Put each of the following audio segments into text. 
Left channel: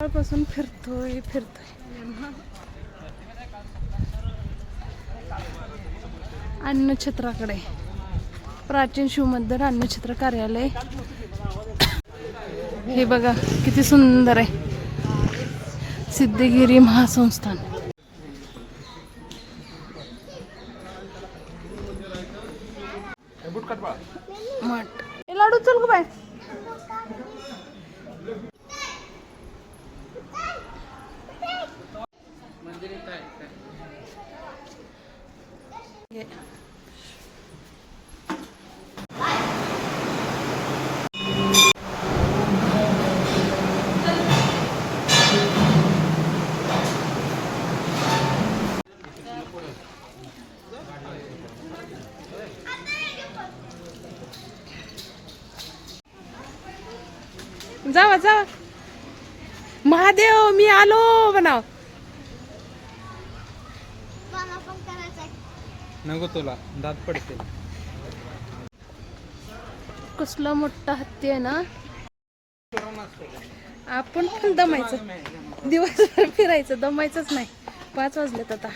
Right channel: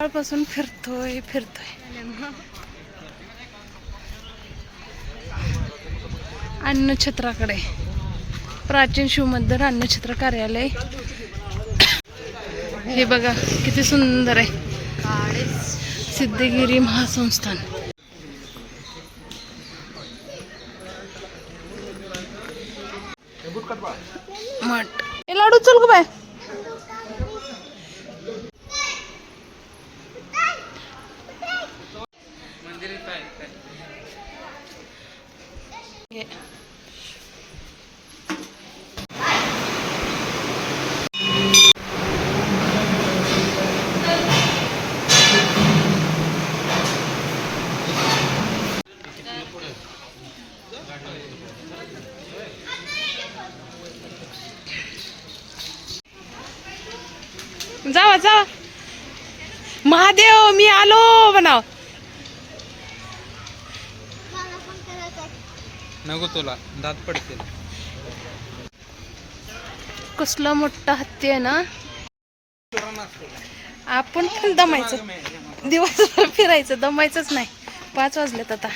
सकाळपासून फिरतोय अन्नछत्राकडे, प्राचीन शिवमंदिर अन्नछत्र कार्यालय. हे बघा किती सुंदर आहे, सिद्धगिरी महासंस्थान. मठ हे लाडू चल ग बाय. जावा जावा. महादेव मी आलो बनाव. नको तुला दात पडतील. कसला मोठा हत्ती आहे ना. आपण पण दमायचं, दिवसभर फिरायचं, दमायचंच नाही. 5 वाजलेत आता.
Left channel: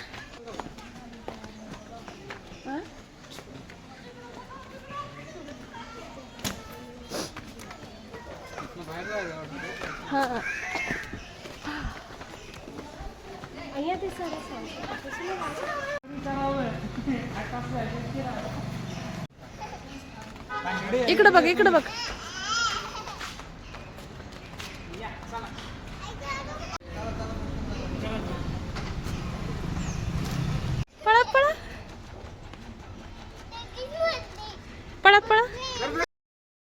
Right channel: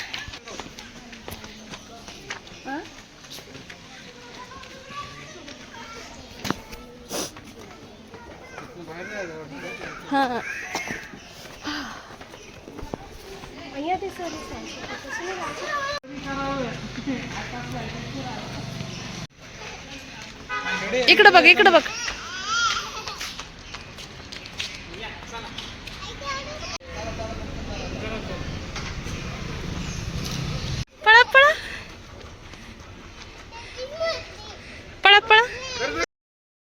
इकडे बघ, इकडे बघ. पळा पळा पळा पळा.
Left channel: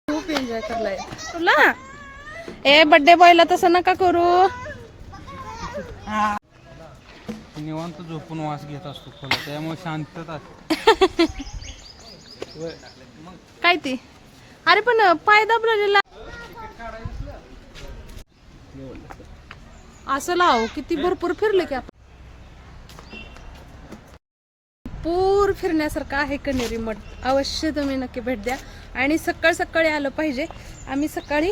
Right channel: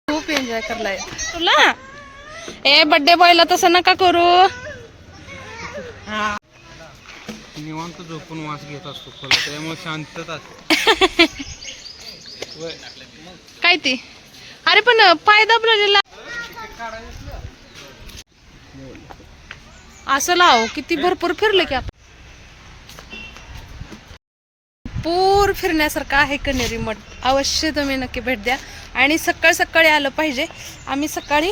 खूप एन्जॉय करलाय तुला. ए बर्थडे बॉयला तसं नका करू. निवांत झोपून वास घेत असतो फुलं, त्यामुळे शांतता. काय ती. अरे पण पाय दाबलेला असं लाव. किती भरपूर फिरले की आपण. भरपूर फिरण्यासारखं आहे कण्हेरी मठ. अवश्य तुम्ही नक्की भेट द्या. आणि सकाळी सकाळी आलं पाहिजे. आम्ही सकाळी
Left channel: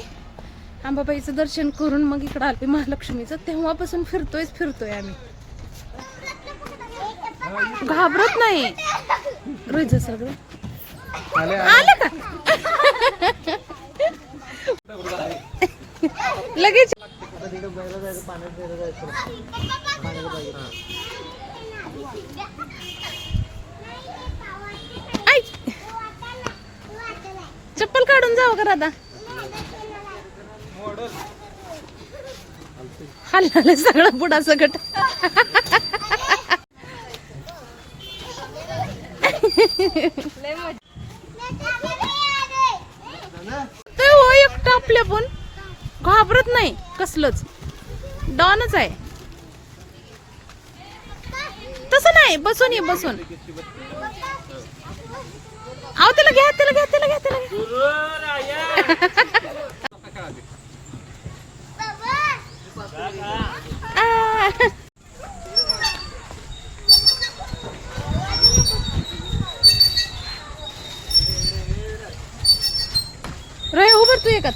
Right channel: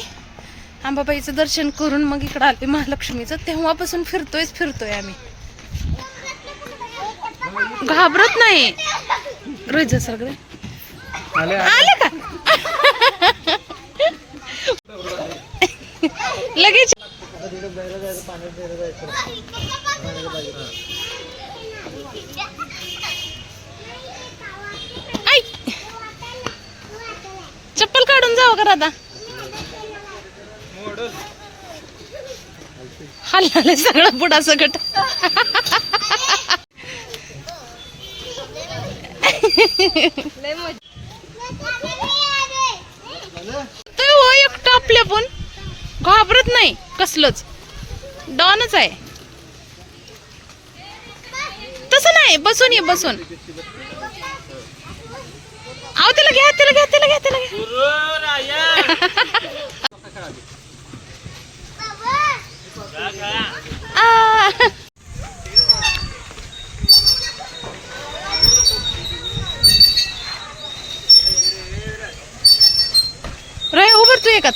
अंबाबाईचं दर्शन करून मग इकडं आले महालक्ष्मीचं. तेव्हापासून फिरतोय आम्ही. घाबरत नाही. रोज सगळे आले का लगेच. आई चप्पल काढून जावं का आता. हल्ला सगळं पुढा सकट. हो एकटं आपल्या पण घाबरत नाही. कसलंच डॉनच आहे. तसं नाही. बसून ये बसून. आव त्याला घ्या त्याला घ्या त्याला घ्या त्याला घ्या. रे उभर तू एकात.